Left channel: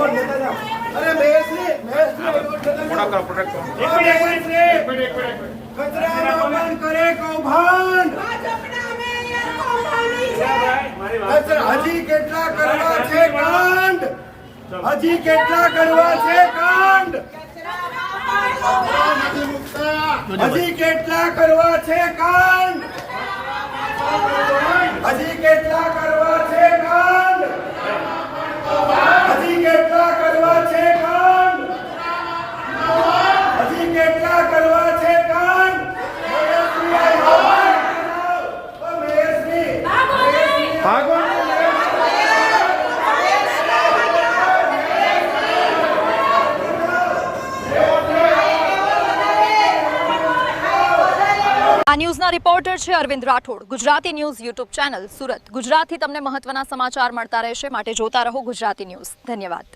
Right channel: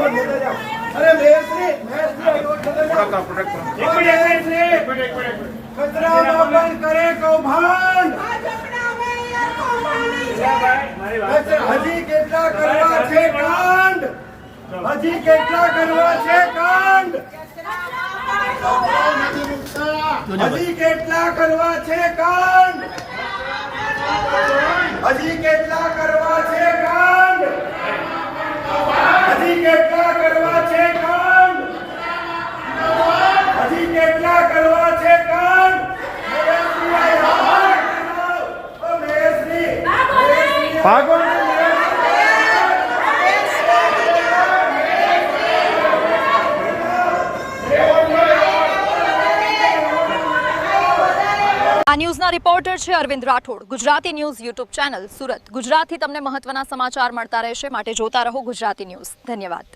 अरे कचरा करे कौभांड हजी કેટલા કરવા છે કાંડ હજી કેટલા કરવા છે કાંડ હજી કેટલા કરવા છે કાંડ હજી કેટલા કરવા છે કાંડ હજી કેટલા કરવા છે કાંડ હજી કેટલા કરવા છે કાંડ ભાગો આ ન્યૂઝના રિપોર્ટર છે Arvind Rathod. Gujarati news YouTube channel Surat. ગુજરાતથી તમને મહત્વના સમાચાર મળતા રહેશે, માટે જોતા રહો ગુજરાતી ન્યૂઝ। ધન્યવાદ।